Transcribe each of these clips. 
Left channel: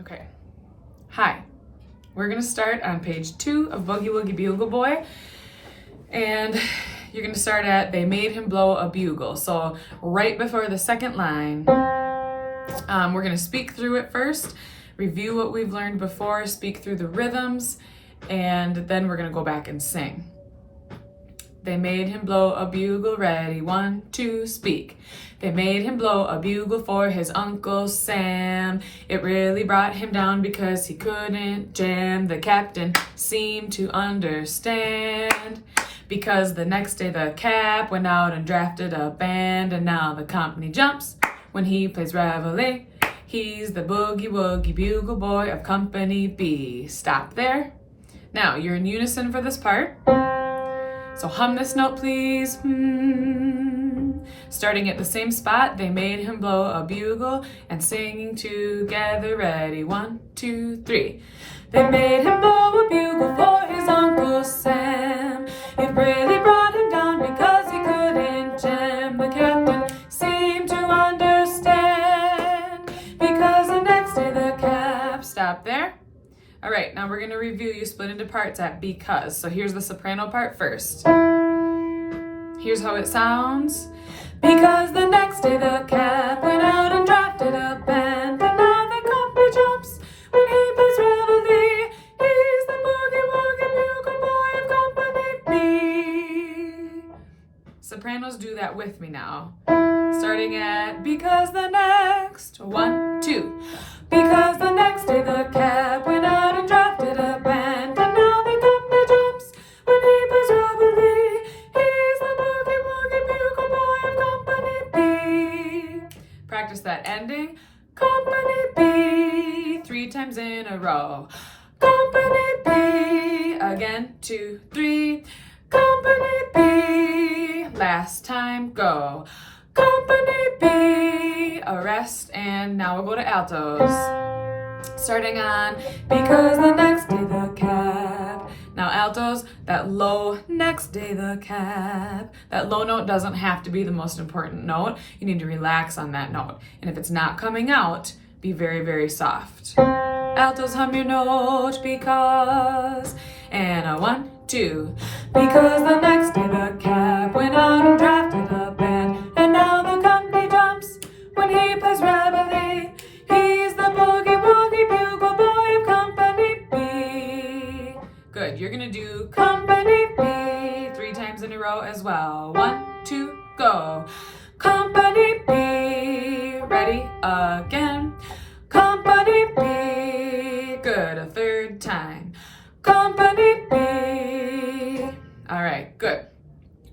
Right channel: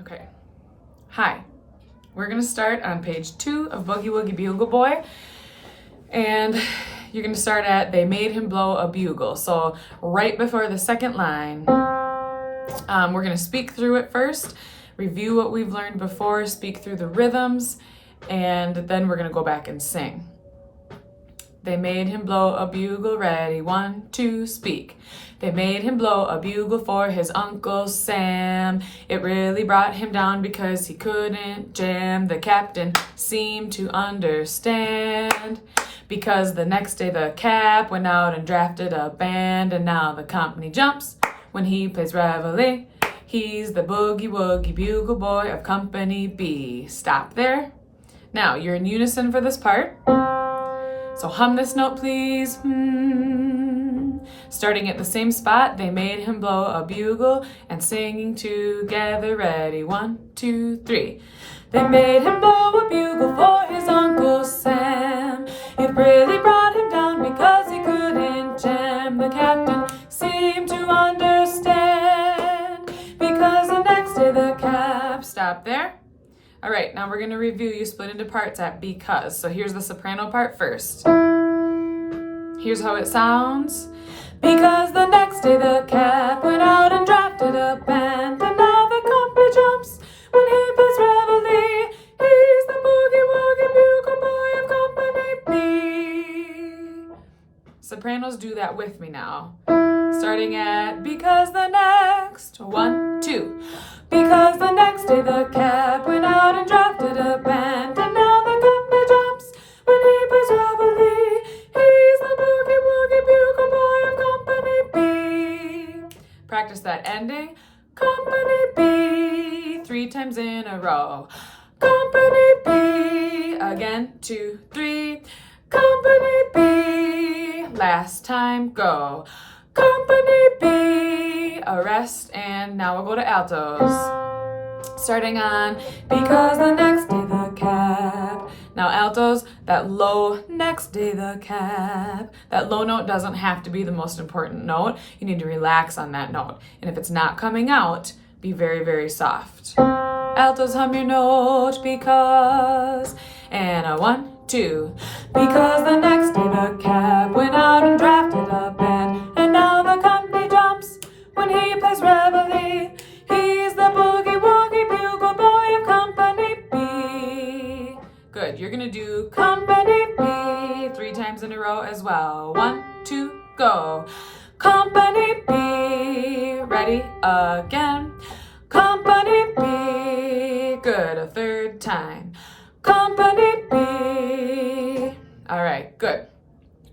Okay. Hi. We're going to start on page 2 of Boogie Woogie Bugle Boy. And you're going to start at, they made him blow a bugle. So right before the second line, we're going to speak through it first, review what we've learned before, speak through the rhythms, and then we're going to go back and sing. They made him blow a bugle, ready, 1, 2, speak. They made him blow a bugle for his Uncle Sam. It really brought him down because he couldn't jam. The captain seemed to understand, because the next day the cap went out and drafted a band. And now the company jumps when he plays reveille. He's the Boogie Woogie Bugle Boy of Company B. Stop there. Now you're in unison for this part. So hum this note, please. Starting at the same spot, they made him blow a bugle, and singing together, ready, 1, 2, 3. They made him blow a bugle for his Uncle Sam. It really brought him down because he couldn't jam. The captain seemed to understand, because the next day the cap. Stop there. All right, now we're going to review. You split into parts at because. So here's the soprano part first. Here's how it sounds. Because the next day the cap went out and drafted a band. And now the company jumps when he plays reveille. He's the Boogie Woogie Bugle Boy of Company B. Sopranos, do that with me now. Starting at because the next, 1, 2. Because the next day the cap went out and drafted a band. And now the company jumps when he plays reveille. He's the Boogie Woogie Bugle Boy of Company B. Practice that ending. Company B. 3 times in a row. Company B. Again, 2, 3. Company B. Last time, go. Company B. A rest, and now we'll go to altos. Starting on because the next day the cap. Now altos, that low next day the cap. That low note doesn't have to be the most important note. You need to relax on that note. And if it's not coming out, be very, very soft. Altos, hum your note because. And a 1, 2. Because the next day the cap went out and drafted a band. And now the company jumps when he plays reveille. He's the Boogie Woogie Bugle Boy of Company B. Good. You're going to do Company B 3 times in a row as well. 1, 2, go. Company B. Ready? Again. Company B. Good. A 3rd time. Company B. All right. Good.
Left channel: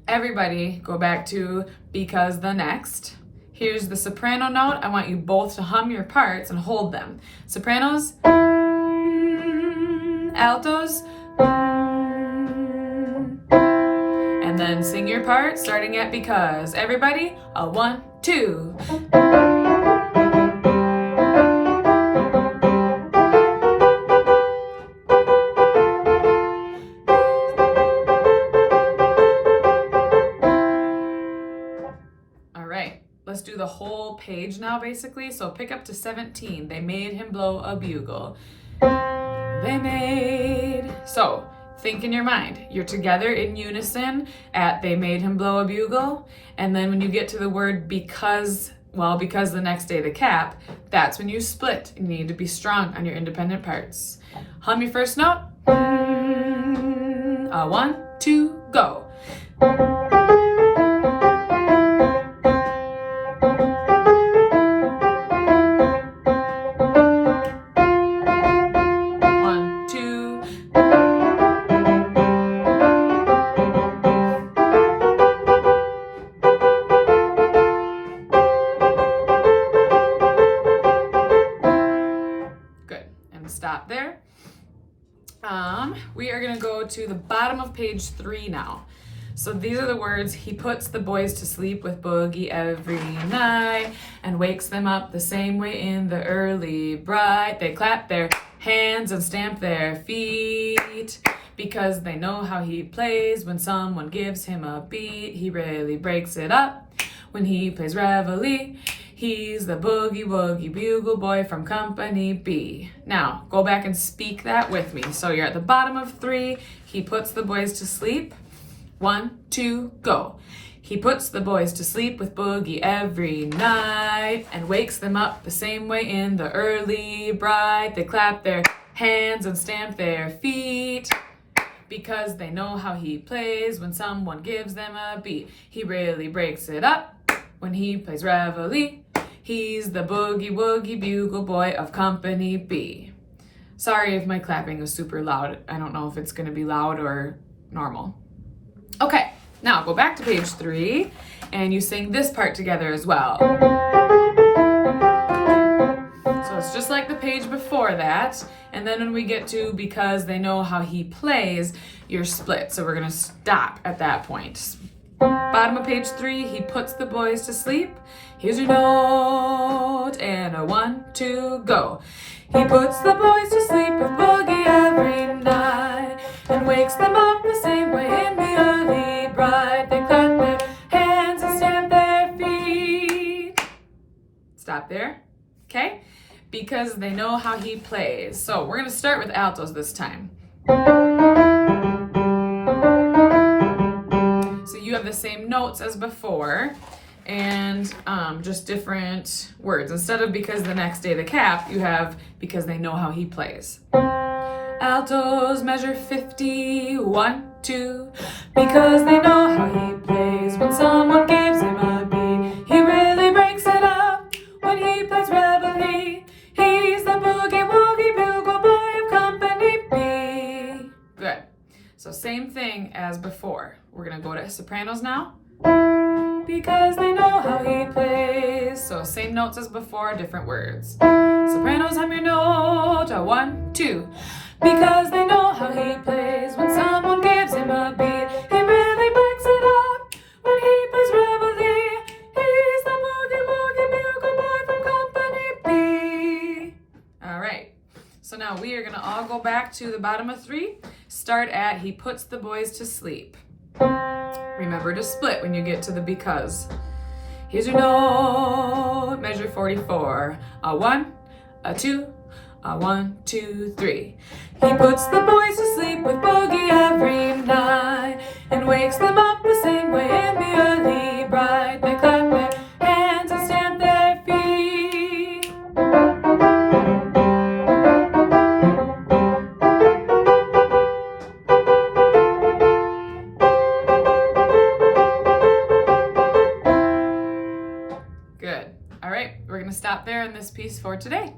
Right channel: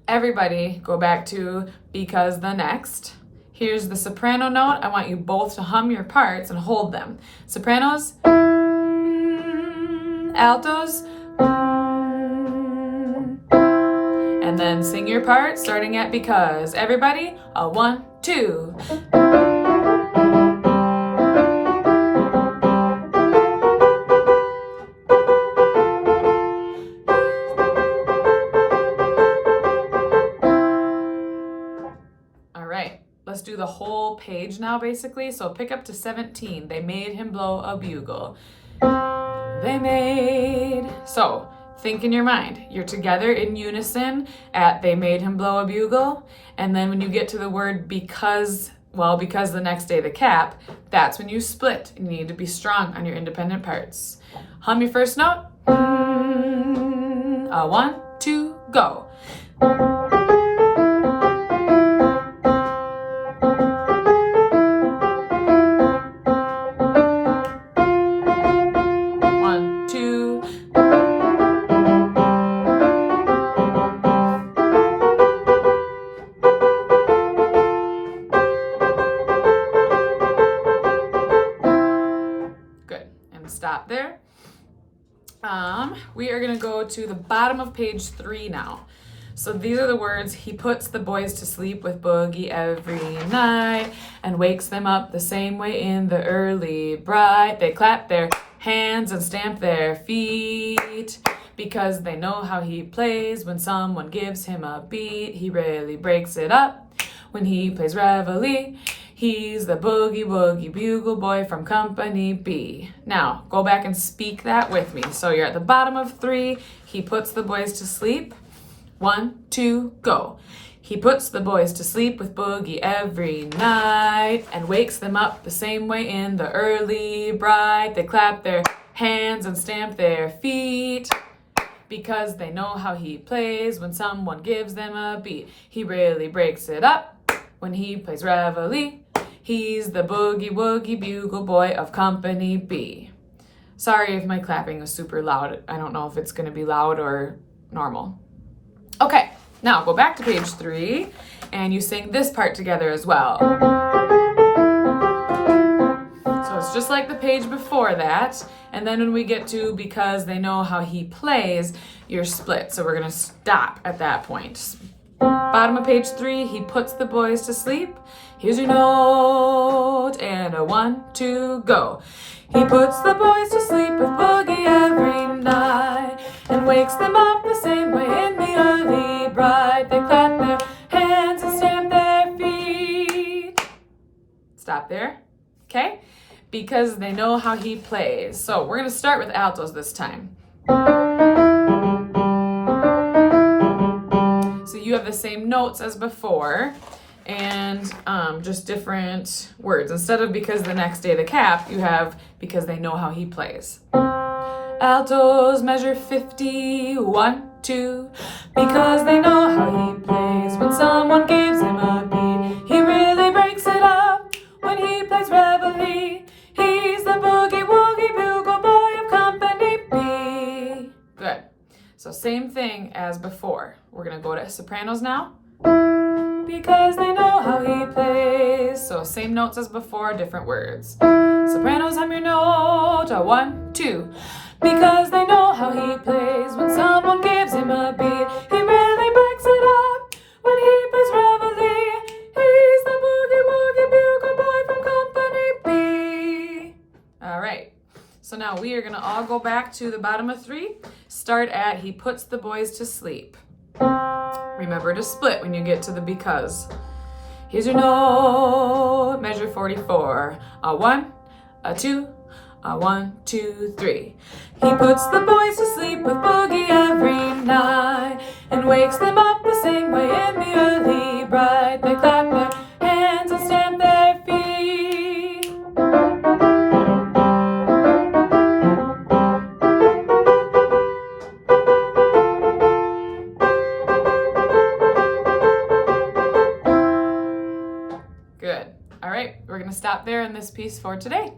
Everybody go back to because the next. Here's the soprano note. I want you both to hum your parts and hold them. Sopranos, altos, and then sing your part starting at because. Everybody, a 1, 2. Let's do the whole page now, basically. So pick up to 17. They made him blow a bugle. They made. So think in your mind. You're together in unison at they made him blow a bugle. And then when you get to the word because, well, because the next day the cap, that's when you split. You need to be strong on your independent parts. Hum your first note. 1, 2, go. 1, 2. Good. And stop there. We are going to go to the bottom of page 3 now. So these are the words. He puts the boys to sleep with boogie every night and wakes them up the same way in the early bright. They clap their hands and stamp their feet because they know how he plays. When someone gives him a beat, he really breaks it up. When he plays reveille, He's the Boogie Woogie Bugle Boy from Company B. Now, go back and speak that with me. So you're at the bottom of 3. He puts the boys to sleep. 1, 2, go. He puts the boys to sleep with Boogie every night and wakes them up the same way in the early bright. They clap their hands and stamp their feet because they know how he plays when someone gives them a beat. He really breaks it up when he plays reveille. He's the Boogie Woogie Bugle Boy of Company B. Sorry if my clapping is super loud. I don't know if it's going to be loud or normal. Okay, now go back to page 3 and you sing this part together as well. So it's just like the page before that. And then when we get to because they know how he plays, you're split. So we're going to stop at that point. Bottom of page 3, he puts the boys to sleep. Here's your note and a 1, 2, go. He puts the boys to sleep with Boogie every night and wakes them up the same way in the early bright. They clap their hands and stamp their feet. Stop there, okay? Because they know how he plays. So we're going to start with altos this time. So you have the same notes as before and just different words. Instead of because the next day the cap, you have because they know how he plays. Altos measure 50, 1, 2, because they know how he plays when someone gives him a beat. He really breaks it up when he plays reveille. He's the Boogie Woogie Bugle Boy of Company B. Good. So same thing as before. We're going to go to sopranos now. Because they know how he plays. So same notes as before, different words. Sopranos, I'm your note. A 1, 2. Because they know how he plays when someone gives him a beat. He really breaks it up when he plays reveille. He's the Boogie Woogie Bugle Boy from Company B. All right. So now we are going to all go back to the bottom of 3. Start at he puts the boys to sleep. Remember to split when you get to the because. Here's your note, measure 44. A 1, a 2, a 1, 2, 3. He puts the boys to sleep with Boogie every night and wakes them up the same way in the early bright. They clap their hands and stamp their feet. Good. All right, we're going to stop there in this piece for today.